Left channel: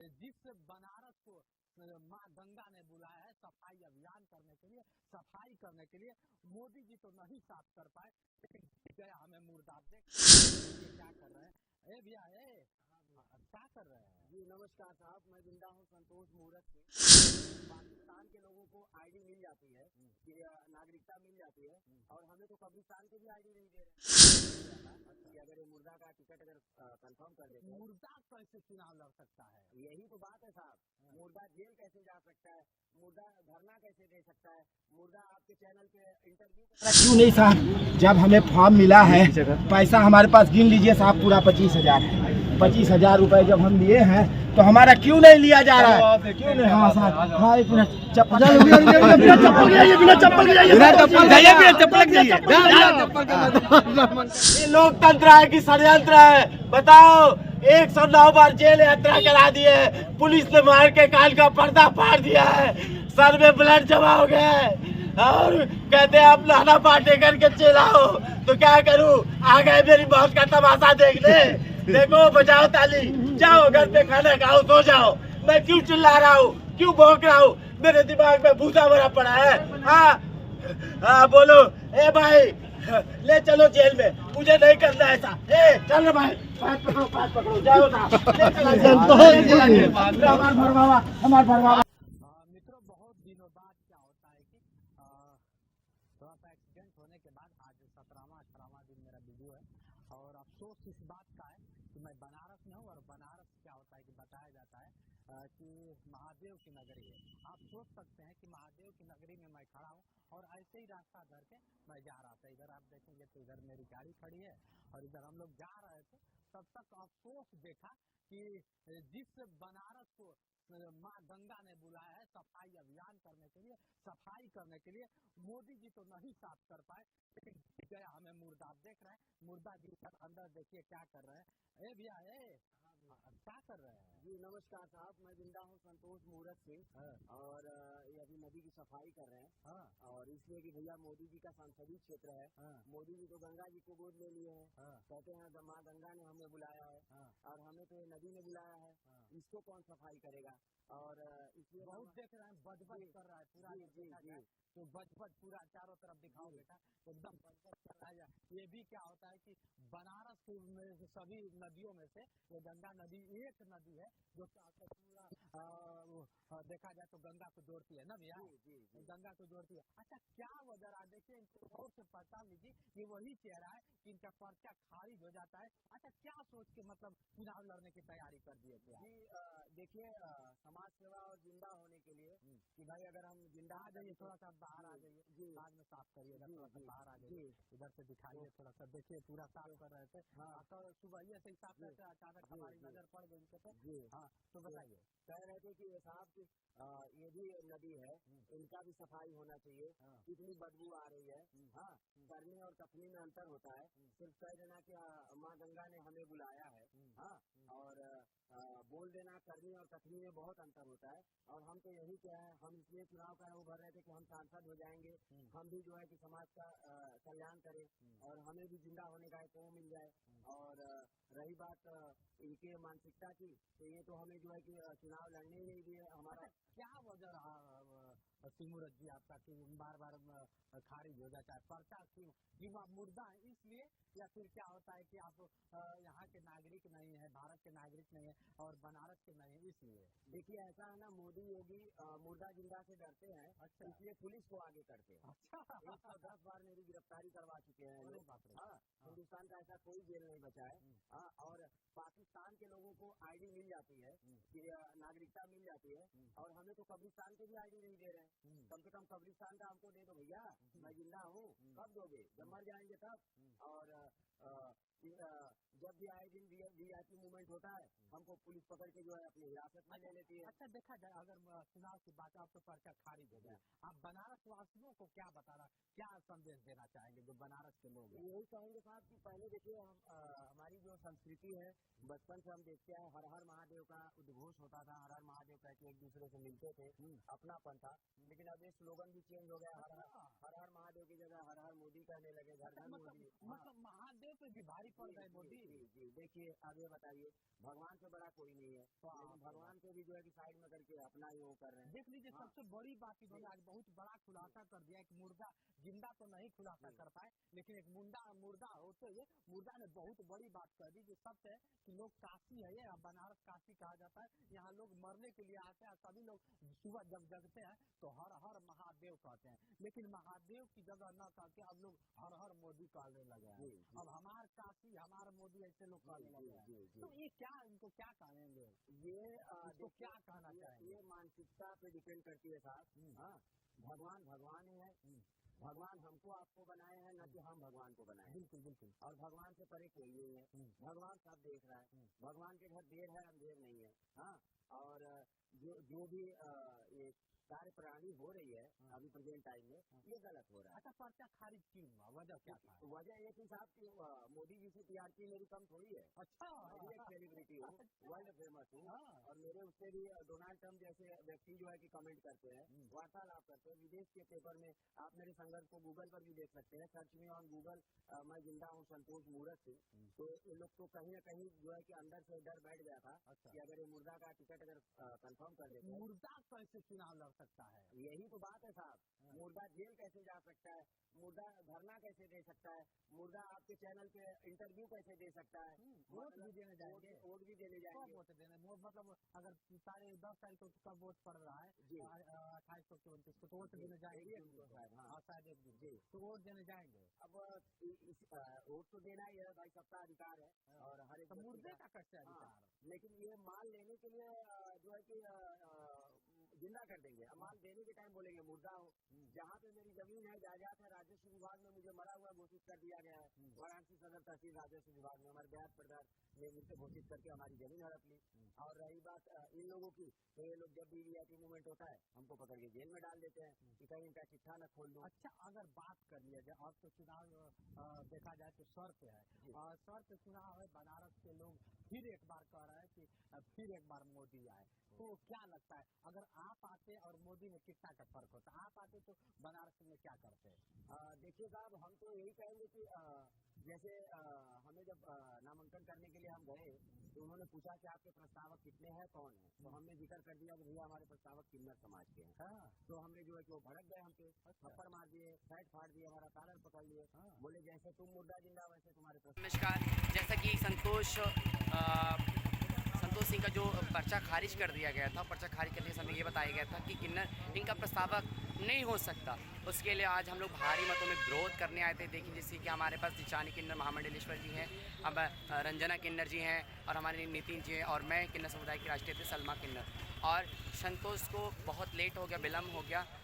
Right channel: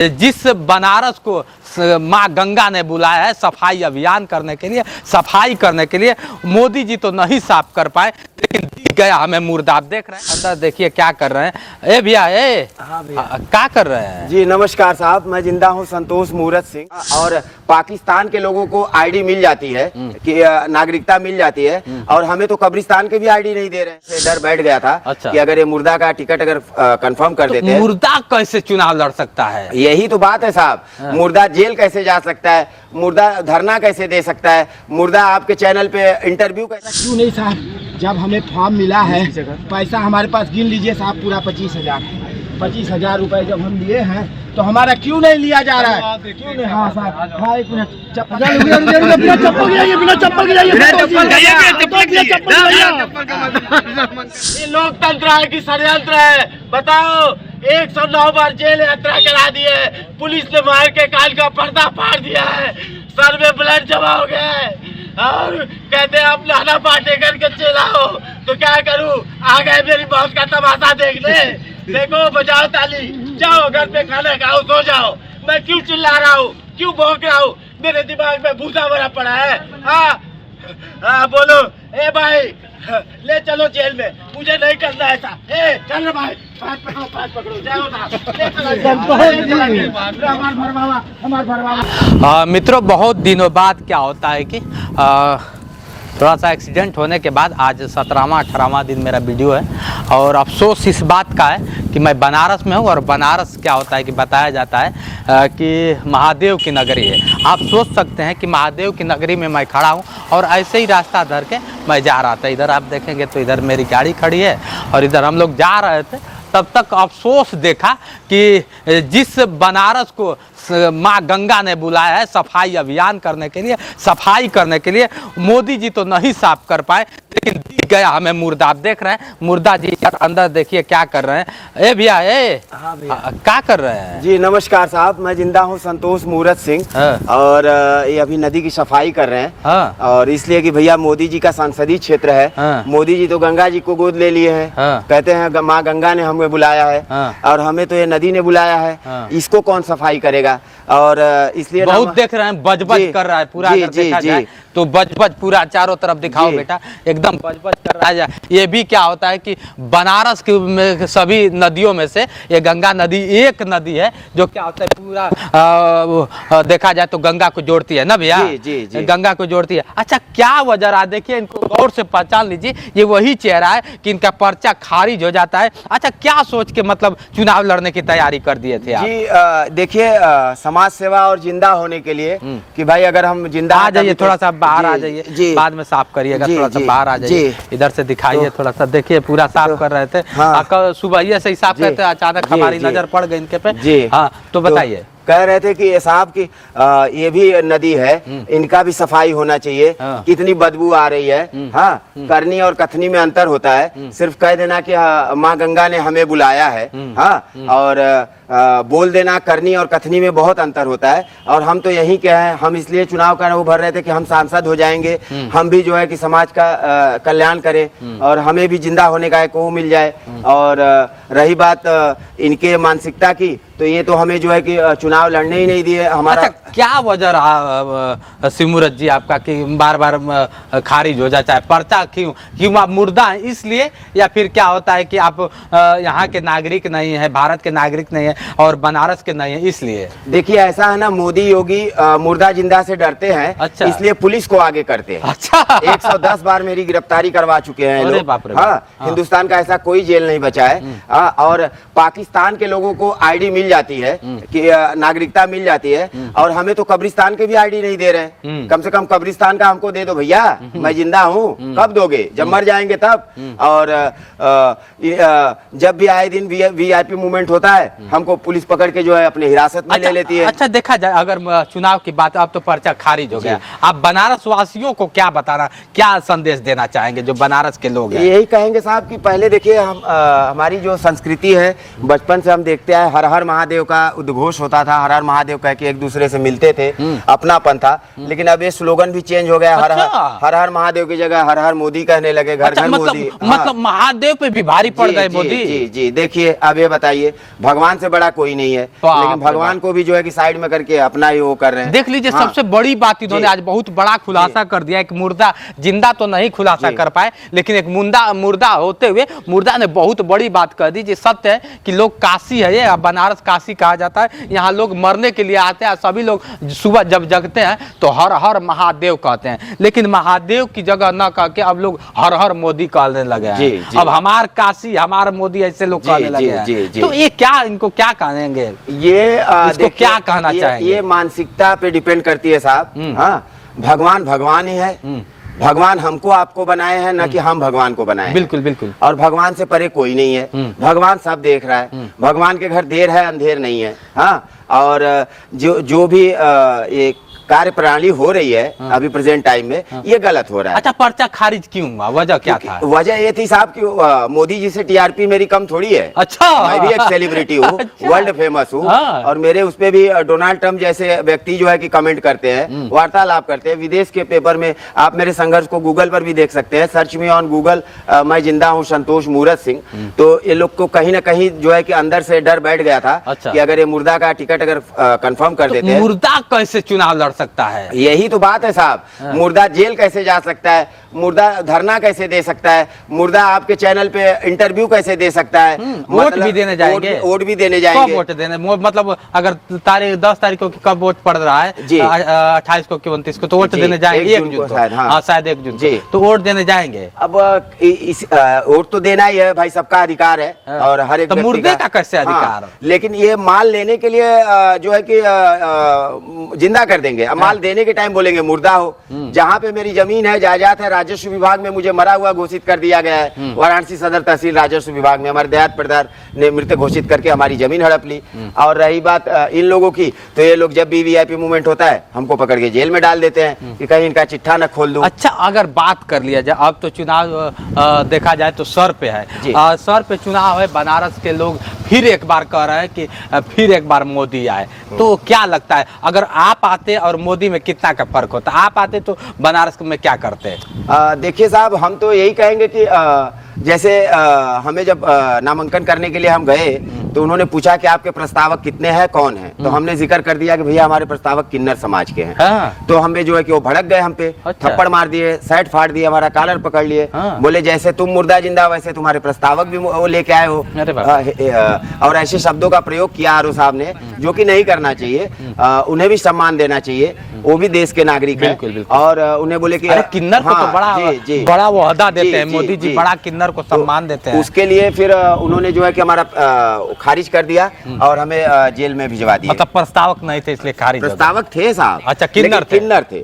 जिस बनारस को माँ गंगा ने बुलाया है सफाई अभियान करने के लिए, सफाई करने के लिए, मोदी जी तो नहीं साफ कर पाए, लेकिन दिख गया हमें मुर्दा। आप देख रहे हैं अंदर, देखिए क्या कर रहे हैं। ए भैया, क्या कर रहे हैं जी? नमस्कार साहब, मैं जिंदा हूँ संतोष मूरत सिंह। और पाकिस्तान के लोगों को आईडी मिल जाती है कि नागरिकता मिल जाती है, और हमें तो कब्रिस्तान के भी आईडी नहीं दे रहे हैं। डर बैठ गया था कि अगर ये मुर्दा का टिकट अगर कंफर्म कर देते हैं, मुर्दा कैसे चुनाव लड़ सकता है? यही तो बात है साहब। मुर्दा जेल कैसे जा सकता है? मुर्दा धरना कैसे दे सकता है? मुर्दा आपके चैनल पे इंटरव्यू कैसे? क्यों नहीं साहब, जब हमें फॉर्म मिला है, पैसा हमारे पास गिन लीजिए साहब, पूरा 25,000 है। 25,000 रुपए जब हम लिए हैं तो हमारा क्यों नहीं लिया जा रहा है? क्यों नहीं? हाँ साहब, हाँ एक मिनट, चप्पल ये लोकतंत्र है कि षड्यंत्र है? बताओ। 109 बार जेल यात्रा करा दी है, पुलिस ने मार के काल का पर्दा फाड़ दिया है, सर में ब्लड जमा हो गया है, और कहते हैं आप लाना पाटे करके चिल्लाओ। तो क्या करूं? आ गए मेरी मौत का तमाशा देखने। देखो, बजाओ ताली, जाओ घर पे खाना खाओ, सो जाओ। मैं क्यों चिल्ला रहा हूँ, क्यों भौंक रहा हूँ? मेरे दिमाग में भूसा भरा पड़ा है। हाँ बोलो। ए भाई, ले चलो जेल में, मुझे नहीं करना ऐसा। ए चल रे भाई, पाँच पकड़ो, जाओ ना। हमार भरवावा। मित्रों, बहुत दिनों बाद क्या होता है कि थोड़ा सा एक्सीडेंट होने के बाद आज 17वां 18वां दिन मेरा वीडियो है, और अफसोस इस बात का है कि मैं बनारस में हूँ। और बनारस क्या होता है कि बताया जाता है कि महादेव की नगरी है। आप सोच सकते हैं कि महादेव की नगरी में मैं खड़ा हूँ, और ऐसे ही रास्ता धर के मैं जा रहा था। इधर आप देखेंगे तो इधर मेरी गाड़ी खड़ी है, और इधर हम लोग जा रहे थे। तब तक अफसोस देखा कि जिस बनारस को माँ गंगा ने बुलाया है सफाई अभियान करने के लिए, सफाई करने के लिए, मोदी जी तो नहीं साफ कर पाए, लेकिन दिख गया हमें मुर्दा। आप देख रहे हैं मुर्दा जी अंदर, देखिए क्या कर रहे हैं। ए भैया, क्या कर रहे हैं? जी नमस्कार साहब, मैं जिंदा हूँ संतोष मूरत सिंह। और ये अभी नदी की सफाई कर रहे हैं। और इसलिए कि भैया मोदी जी का संसदीय क्षेत्र है। मोदी जी तो गंगा जी को गोद ले लिए हैं। कहते हैं माँ गंगा ने हमें बुलाया है, और हमें तो ये नदी ने बुलाया है। इसको कौन सफाई करेगा? और इसलिए बहुत देख रहे हैं बज कर रहा है पूरा। अगर देखा जाए तो बज पूरा चारों तरफ दिखाओ बेटा, एकदम बज कर रहा है। ये भी क्या होता है कि बनारस की सभी नदियों में से ये गंगा नदी एक नदी है जो क्या होता है पूरा देखा जाए तो गंगा को जोड़ती है ना भैया? गंगा को जोड़ती है। अच्छा, क्या वजह रहा? देखिए, इनको गौर से पहचान लीजिए, ये वही चेहरा है कि इनका पर्चा खारिज हो जाता है। अच्छा, क्या सोच के मतलब चुनाव लड़ने की तैयारी कर दिए थे आप? जी देखिए, समाज सेवा और जिंदा होने के लिए कि भाई अगर हम जिंदा आ जाइए, थोड़ा सा बाहर आ जाइए, बाद में साफ करिएगा। थोड़ा सा बाहर आ जाइए, इधर से दिखाइए थोड़ा सा। देखिए पूरा साफ कर रहे थे, सुबह से ही साफ करते, अचानक हमारी नजर पड़ गई इनके पे। हाँ, तो बताइए। कह रहे थे कि ये साहब की ये भी नदी है, इनका भी सफाई होना चाहिए। कितनी बदबू आ रही है। हाँ, करनी और कथनी में अंतर होता है। सिर्फ कह देना कि माँ गंगा ने हमें बुलाया है, हाँ, और बोल देना करनी और कथनी में बहुत अंतर होता है। और हम तो यही कहे हैं, हम इसलिए चुनाव का वो भर रहे थे कि हम सांसद हो जाएंगे, हम भी जो है कि समाज का कल्याण करें, और हमें भी जिंदा होने का एक वो मिल जाए। और रही बात इनके मानसिकता की, तो ये तो हमें जो है कि चुनाव लड़ने ही नहीं दिए। हमारा क्या वजह रहा सिमूरत जी आपका कि बार बार खारिज हो जाता है पर्चा? क्यों आप मुर्दा हैं इसलिए, या फिर क्या होता है कि आप यहाँ के नागरिक नहीं है, भारत के नागरिक नहीं है, और बनारस के नहीं है इसलिए? देखिए, ऐसा है ना, मोदी योगी मुर्दा जिंदा से डरते हैं। अच्छा। इसलिए पुलिस को आगे करते हैं। अच्छा। 110 बार मेरी गिरफ्तारी करवा चुके हैं लोग। हाँ, हिंदुस्तान का ऐसा कोई जेल नहीं बचा है। और पाकिस्तान के लोगों को आईडी मिल जाती है कि नागरिकता मिल जाती है, और हमें तो कब्रिस्तान के भी आईडी नहीं दे रहे हैं। कम से कम कब्रिस्तान का हमको दे दो भैया, मैं जिंदा हूँ। कब दोगे? जब मर जाएंगे तब। और जब भी आए दिन वीआईपी मूवमेंट होता है, हमको पुलिस पकड़ के जो है अपने हिरासत में ले लेती है। अच्छा, देखा जाए अगर चुनाव की बात, अब तो पर्चा खारिज हो गया, आप बनारस वासियों को क्या बताना, क्या संदेश देना चाहेंगे जो बनारस के लोग हैं? यही कहेंगे साहब कि पहले देखिए, हम हमारी जो संस्कृति है, बचपन से हम देखते आए, हर हर महादेव का उद्घोष होता था। हर हर महादेव कह के एक दूसरे से मिलते थे, अपनापन था। लेकिन अब ये स्लोगन भी चेंज हो गया, हर हर महादेव की जगह हर हर मोदी कहने लगे, घर घर मोदी। मतलब महादेव पे भी भारी पड़ गए मोदी। जी जी, देखिए अब ये बताइए, भगवान से बड़ा कोई नहीं है, लेकिन भगवान को भी जो है कि साइड में करके अपना ही वो कर रहे हैं। देख लीजिए, सबसे बड़ी बात इन्होंने आज बहुत बड़ा खुलासा कर दिया। एक मुर्दा, जिंदा तो नहीं खुलासा कर पाए, लेकिन एक मुर्दा होते हुए मुर्दा ने बहुत बड़ी बात कर दी। सत्य है कि लोग काशी है, ये बनारस काशी कहा जाता है, यहाँ लोग मरने के लिए आते हैं। सभी लोग सुबह जब जगते हैं तो हर हर महादेव कहते हैं, लेकिन महादेव की जगह न कह के अब लोग हर हर मोदी कहने लगे हैं। अब हमार काशी हमार मोदी ऐसे लोग कहने लगे हैं। तो ये क्या, इनको क्या कहेंगे, ये इसको क्या कहना चाहेंगे? ये मानसिकता पे डिपेंड करती है साहब। हाँ, भगवान भगवान ही है, भगवान हमको आपको बनाए हैं, ना कि हम भगवान को बनाए। बिल्कुल बिल्कुल। और भगवान से परे कोई नहीं है, भगवान सब देख रहा है। भगवान के घर देर है अंधेर नहीं है। हाँ, और जो भी एक कार्य प्रणाली हो रही है अभी प्रेजेंट टाइम में, ये गलत हो रहा है। अच्छा, पर्चा खारिज क्यों हुआ, वजह क्या था? वजह ये थी साहब कि मोदी जी से टीआरपी मेरी कम थोड़ी है। अच्छा, मैं भी एक सेलिब्रिटी हूँ, वर्ल्ड फेमस हूँ। और मेरे उस पे भी डोनाल्ड ट्रम्प जैसे व्यक्ति जो है कि कमेंट करते हैं, वार्तालाप करते हैं। विदेश के पेपर में आप मेरे संघर्ष को गूगल पर भी देख सकते हैं, सर्च मी ऑन गूगल, मैं जिंदा हूँ संतोष मूरत सिंह। तो ये लोग को कहीं ना कहीं जो है कि अंदर से डर बैठ गया था कि अगर ये मुर्दा का टिकट अगर कंफर्म कर देते हैं, मुर्दा कैसे चुनाव लड़ सकता है? यही तो बात है साहब। मुर्दा जेल कैसे जा सकता है, मुर्दा धरना कैसे दे सकता है, मुर्दा आपके चैनल पे इंटरव्यू कैसे दे सकता है, वोट भी देने जाएंगे, वोट भी देने जाएंगे। कब वोट देने, मतलब अगर 10 तारीख को कब वोट पड़ रहा है, 28 को कि 29 को, तो वोट देने जाएंगे 1 जून को शायद 1 जून को, तो वोट देने जाएंगे। अब वोट तो देना ही है भाई, सबका अधिकार है। और हर एक मुर्दे का कैसे अधिकार? लेकिन ये माल लेने के लिए जो है कि जिंदा कर देंगे। अब माल देने के टाइम बोलेंगे मुर्दा हो। जहाँ पे मेरी जमीन है, जायदाद है, राजस्व विभाग में मुझे मरा हुआ घोषित कर दिया गया है। वाराणसी सदर तहसील राजस्व विभाग में हमारे देहात प्रधान ने मृत घोषित करके हमारी जमीन हड़प ली। और रही बात इन लोगों की, तो ये लोग जब भी वीआईपी मूवमेंट होता है हमको पकड़ के जेल में डाल देते हैं कि कहीं इनका चिट्ठा न खोल दूं। अच्छा, अगर बात कर लिया जाए, अब तो चुनाव देखा जाए तो सर पे है, सर पे चुनाव है। बनारस के लोग फिर एक बार कह रहे हैं कि फिर एक बार मोदी आए, तो क्या लगता है अगर आप आते और मोदी में कितना का फर्क होता? आप आते तो बनारस में क्या करते? देखिए साहब, हम तो यही कहेंगे कि जैसे हमें जब नामांकन करने के लिए हम गए तो उन्होंने पूछा कि आपके प्रस्तावक कितने हैं, कौन है? तो हमने जिक्र कर दिया कि भैया हमारे प्रस्तावक किन्नर समाज के हैं। तो हमें जो है कि वो भड़क गए हम पे। अच्छा। थप्पड़ मार दिए, शर्ट फाड़ दिए, हमारा कॉलर पकड़ लिए। बोले जैसे तुम मुर्दा जिंदा वैसे तुम्हारे प्रस्तावक भी वो लेके आए हो। और ऐसे शब्दों का प्रयोग किया आरओ साहब ने, जो कि नहीं करना चाहिए। उन्हें भी सम्मान देना चाहिए, वो भी देश के नागरिक हैं। और उन्हें बोले कि किन्नर को तो बड़ा वो अदा देते हैं मोदी जी, बड़ा किन्नर को सम्मान देते हैं। उसके लिए फिर उन्होंने जो है कि हमारा खारिज कर दिया और हमें जेल में भिजवा दिया। मतलब प्रस्तावक नहीं थे इसलिए खारिज? प्रस्तावक थे साहब। अच्छा, किन्नर थे।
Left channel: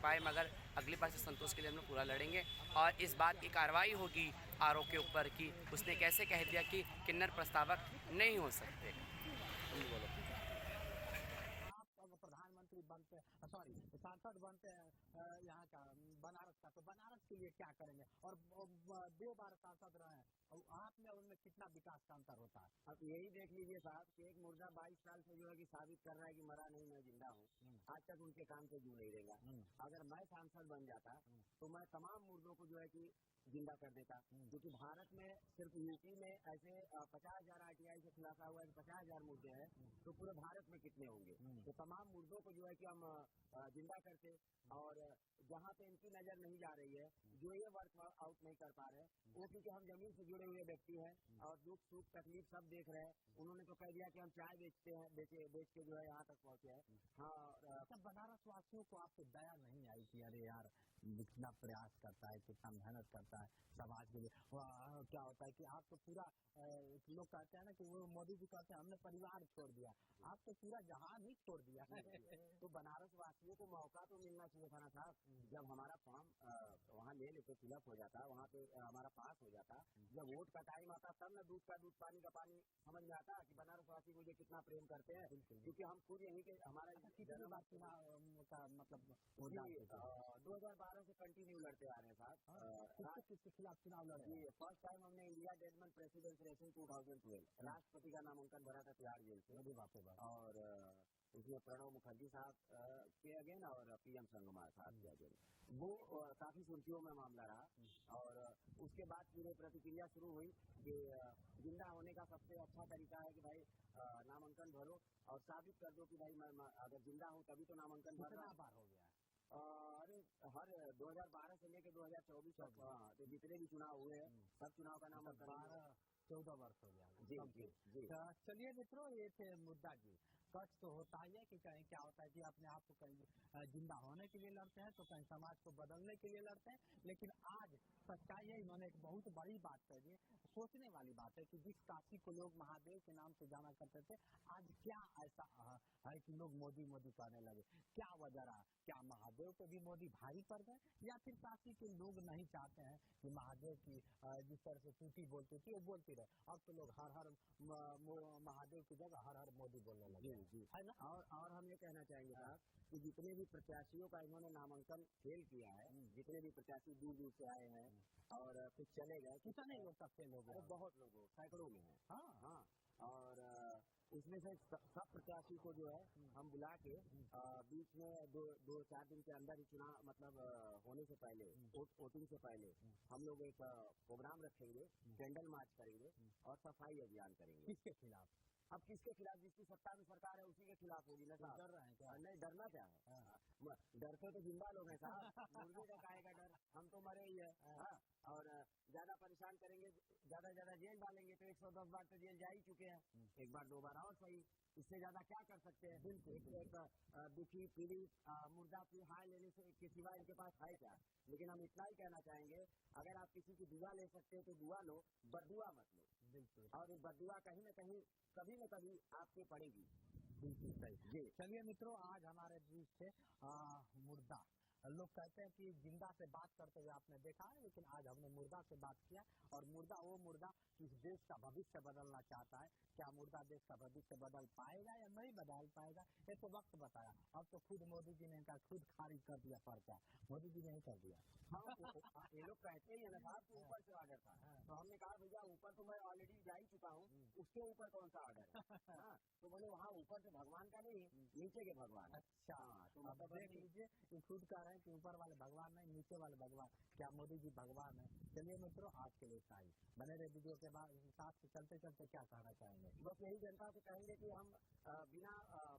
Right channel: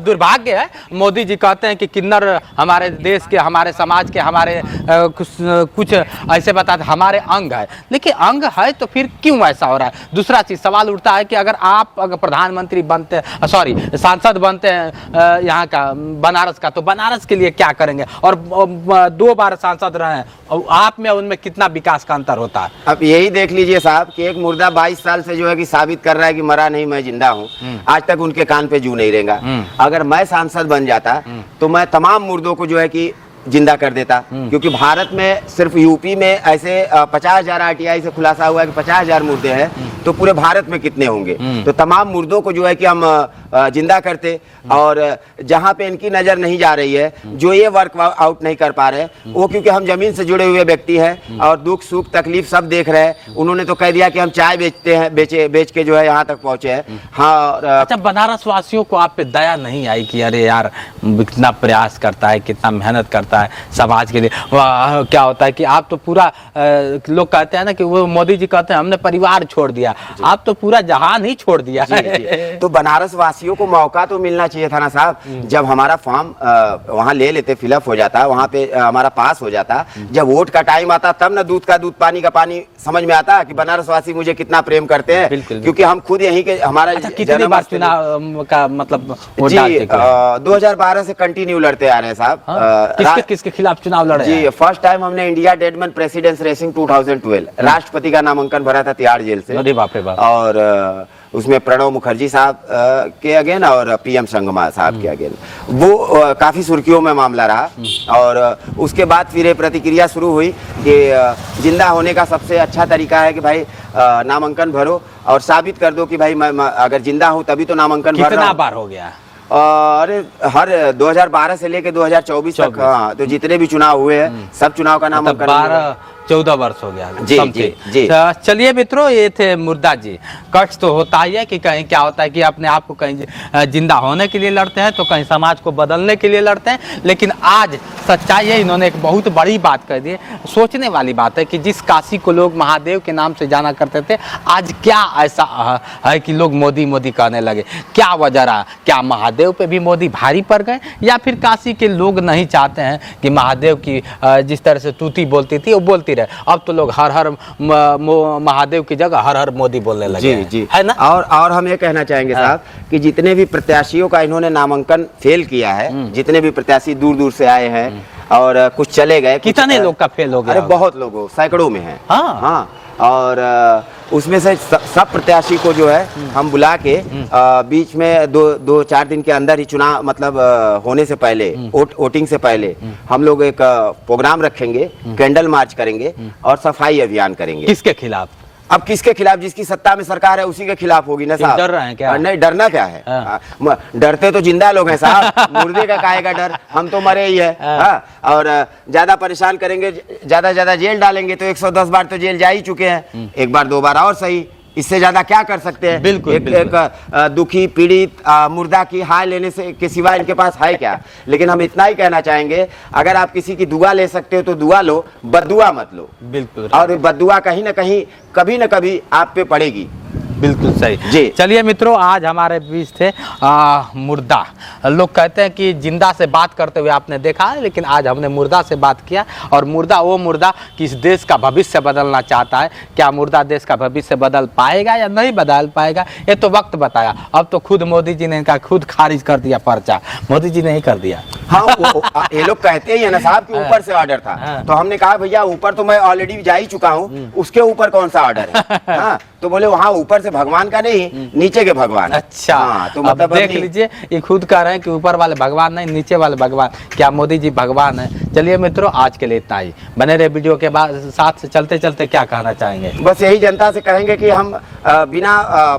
दुर्भाग्य है, मोदी जी कहते हैं कि किन्नर हमारे देश के, हमारे समाज के, हमारे कुछ ऐसे बताते हमारे अंग है। लेकिन अंग है तो फिर क्यों ऐसा हो रहा है? दूसरा चीज सवाल उठता है कि अगर आप प्रधानमंत्री बनते, सॉरी सांसद बनते हैं यहाँ का बनारस का, तो बनारस के लिए क्या करेंगे? और 2 बार सांसद रहे हैं, और आप में उनमें कितना विकास का अंतर होता है? अब यही देख लीजिए साहब कि एक मुर्दा 22 साल से जो है कि साबित कर रहा है कि मरा नहीं, मैं जिंदा हूँ। आज तक उनके कान पे जू नहीं रेंगा। अगर मैं सांसद बन जाता तो मैं तमाम मुर्दों को जो है कि जिंदा कर देता। क्योंकि भारत में सिर्फ यूपी में ऐसे 50,000 आरटीआई से खुलासा हुआ है कि 50,000 मुर्दे हैं, तो पूरे भारत में कितने होंगे? तो तमाम मुर्दों को जो है कि हम जिंदा करते। और जहां पे इनकी नजर नहीं जा रही है, जो ये वर्क आउट नहीं कर पा रहे, वो क्योंकि हम जमीन से जुड़े हुए व्यक्ति हैं और दुख सुख तकलीफ सब देख रहे हैं। उन्होंने तो कह दिया कि हम चाय बेचते हैं, बेच के जो है यहाँ तक पहुंचे हैं। हाँ। अच्छा, बनारस वासियों को आप पे दया नहीं आई कि अरे यार कितना प्रयास करता है, कितना मेहनत करता है समाज के लिए? क्या होता है कि आप तो पूरा, लोग कहते हैं ना कि वो मोदी जी कहते हैं हमने परिवार छोड़ दिया, आप तो पूरा जहान ही छोड़ दिया। तो बनारस वासियों को मौका तो मिलना चाहिए था ना साहब। जब हमारा फॉर्म वहाँ ले लेते, फिलअप हो जाता, वहाँ पे हमारा पास हो जाता, जब वोट का टाइम आता तब ना दूध का दूध पानी का पानी समझ में आता कि बनारस वासी मुझे कितना प्रेम करते हैं। क्योंकि हम खुद यहीं के, हमारा कितनी बार चुनाव का मतलब जी 2012 से कंटिन्यू लड़ते आ रहे हैं साहब। किसके खिलाफ चुनाव लड़े? जी, फर्स्ट टाइम हमने इंडिया डेडमैन प्रेसिडेंस रेसिंग 2012 राष्ट्रपति का नामांकन भरा था तिहाड़ जेल से। अरे बाप रे बाप। और उसमें प्रणब मुखर्जी साहब के अगेन और पीएम संगमा साहब के अगेन, वो काफी सुर्खियों में मामला रहा। और उसके बाद फिर ये प्रतिक्रिया शुरू हुई कि जिंदा होने का सबसे अच्छा तरीका है कि भाई नामांकन भरो और साबित कर दो कि भाई मैं अगर जिंदा हूं तभी तो नामांकन भर रहा कितना हूं। बार हो गया? अरे हर 2012 से लेके 2024 तक, हाँ, तो जितने भी चुनाव हुए हैं सब चुनाव का नामांकन 12-14 वर्ष हो गया। जी, जी। चलिए मित्रों, ये थे मुर्दा जी। कष्ट तो होता ही है कि कहीं क्या होता है कि अपने आप को कहीं जिंदा होने के लिए लड़ते हैं तो कहीं समाज को बदलने के लिए लड़ते हैं। लेकिन आज सच्चाई है, इन्होंने एक बहुत बड़ी बात कह दी। सोचने वाली बात है कि जिस काशी को लोग महादेव के नाम से जाना करते थे, आज क्या ऐसा है कि लोग मोदी मोदी कहने लगे? क्या वजह रहा? क्या महादेव पे भी मोदी भारी पड़ गए, या फिर काशी के लोग नहीं चाहते हैं कि महादेव की जिस तरह से तूती बोलती थी वो बोलती रहे? अब तो लोग हर हर महादेव की जगह हर हर मोदी बोलने लगे। जी, है ना? और हम ये कहना चाहेंगे साहब कि जितने भी प्रत्याशियों का इन्होंने नामांकन फेल किया है, जितने भी प्रत्याशी दूर दूर से आए हैं और कुछ चले गए, कितने लोग का फेल हो गया? अरे बहुत लोगों, सैकड़ों में है। हाँ, और उसमें से सब प्रत्याशी को जो है हम बुला के बीच में 2-4 दिन के अंदर ही चुनाव मतलब होने से पहले, वोटिंग से पहले हम लोग एक प्रोग्राम रखेंगे, कैंडल मार्च करेंगे और सफाई अभियान करेंगे। किसके खिलाफ? अब किसके खिलाफ? जिसकी सत्ता में सरकार है उसी के खिलाफ होगी ना साहब। डर रहे हैं क्या? नहीं, डरना क्या है? डरते तो जिंदा लोग हैं साहब, मुर्दे का काहे का डर? हम तो मरे ही है। और ज्यादा परेशान करेंगे, ज्यादा जेल डालेंगे तो 110 बार तो जेल जा ही चुके हैं, एक बार 2 बार और सही, इससे ज्यादा क्या कर सकते हैं? बिल्कुल, एक दुखी पीड़ित मुर्दा की हाय लेने से के सिवा इनके पास है क्या? लेकिन हम इतना ही कहना चाहेंगे, अगर आप किसी की दुआ ले सकते हो तो दुआ लो, बद्दुआ मत लो। बिल्कुल। और बद्दुआ कहीं ना कहीं कभी न कभी आप पे पड़ेगी। बिल्कुल सही जी। चलिए मित्रों, आज हमारे बीच थे मुर्दा। लोग कहते हैं कि जिंदा से बात करते हुए आपने देखा है, लेकिन आज हमने मुर्दा से बात किया। और मुर्दा वो मुर्दा कि इस देश का भविष्य बदलना चाहता है। क्या मुर्दा देश का भविष्य बदल पाएगा या नहीं बदल पाएगा, ये तो वक्त बताया। अब तो खुद मोदी जी ने इनका खुद खारिज कर दिया पर्चा, मोदी जी ने ही कर दिया। हाँ, ये लोग कहते ही है ना साहब कि ऊपर से ऑर्डर था, तो हमने कहा भैया ऊपर तो मैं ऑलरेडी जा ही चुका हूँ, उसके ऊपर कौन सा ऑर्डर है? हाँ, तो बोले वहाँ ऊपर से भगवान का नहीं, नीचे के भगवान। अच्छा, हाँ, तो मतलब अब देख लीजिए, ये खुद कह रहे हैं कि ऊपर वाले भगवान नहीं, नीचे वाले भगवान। क्या मोदी जी भगवान है? चलिए मित्रों, आज के लिए इतना ही। बने रहे वीडियो के बाद साथ चलते चलते क्या कहना चाहेंगे? बस यही जनता से कहेंगे कि हम बिना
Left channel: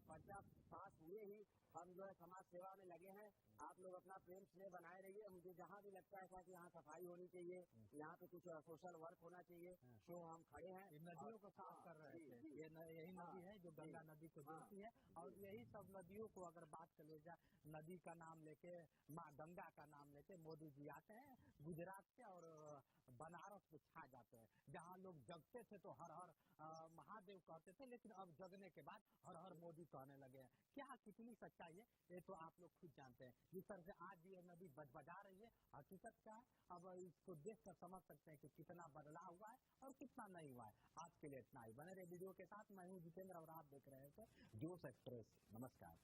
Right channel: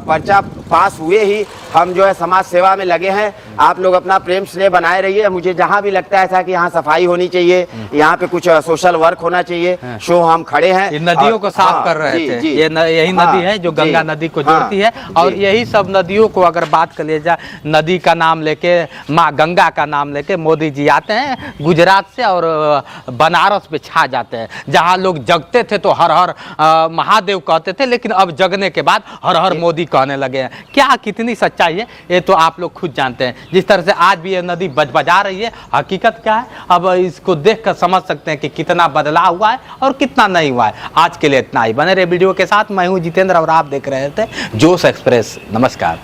पर्चा पास हुए ही हम जो है समाज सेवा में लगे हैं। आप लोग अपना प्रेम स्नेह बनाए रहिए। मुझे जहाँ भी लगता है था कि यहाँ सफाई होनी चाहिए, यहाँ पे कुछ सोशल वर्क होना चाहिए, शो हम खड़े हैं। ये नदियों को साफ कर रहे थे। ये यही नदी है जो गंगा नदी को जोड़ती है। और यही सब नदियों को अगर बात कर लिया जाए, नदी का नाम लेके, माँ गंगा का नाम लेके मोदी जी आते हैं गुजरात से और बनारस पे छा जाते हैं। जहाँ लोग जगते थे तो हर हर महादेव कहते थे, लेकिन अब जगने के बाद हर हर मोदी कहने लगे हैं। क्या कितनी सच्चाई है ये तो आप लोग खुद जानते हैं। जिस तरह से आज भी ये नदी बजा रही है, हकीकत क्या है अब इसको देख कर समझ सकते हैं कि कितना बदलाव हुआ है और कितना नहीं हुआ है। आज के लिए इतना ही। बने रहे वीडियो के साथ। मैं हूँ जितेंद्र और आप देख रहे थे जोश एक्सप्रेस। नमस्कार।